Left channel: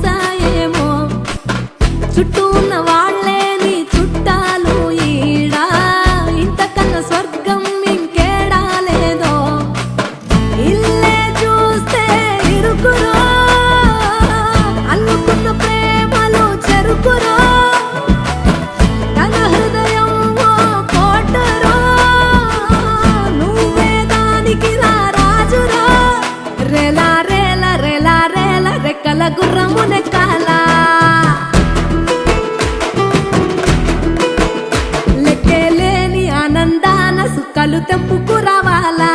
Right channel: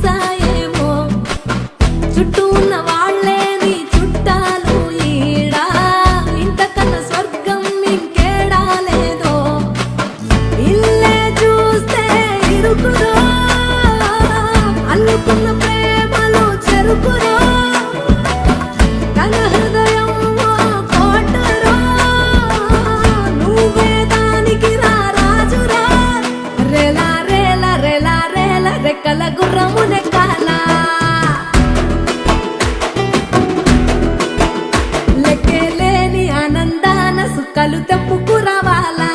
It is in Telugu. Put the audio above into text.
చూసాయేమో, చుట్టూ ఉన్న వాళ్ళే నీ చుట్టాలు ఈడా, ఇంతకన్నా స్వర్గం ఇంకేడా లేదో. ఇల్లే చూస్తే ఇరుకురో, అల్లుకున్న ప్రేమలు చెరుకురో, తన హృదయం ఓ కోటరో, నువ్వే దానికి రాజురా. రేలా రేలా రేలా రేలా రెక్కల గుర్రము నెక్కాలా, లెక్కేలేని ఆనందాన సుక్కలు తెంపుకు రావాలా.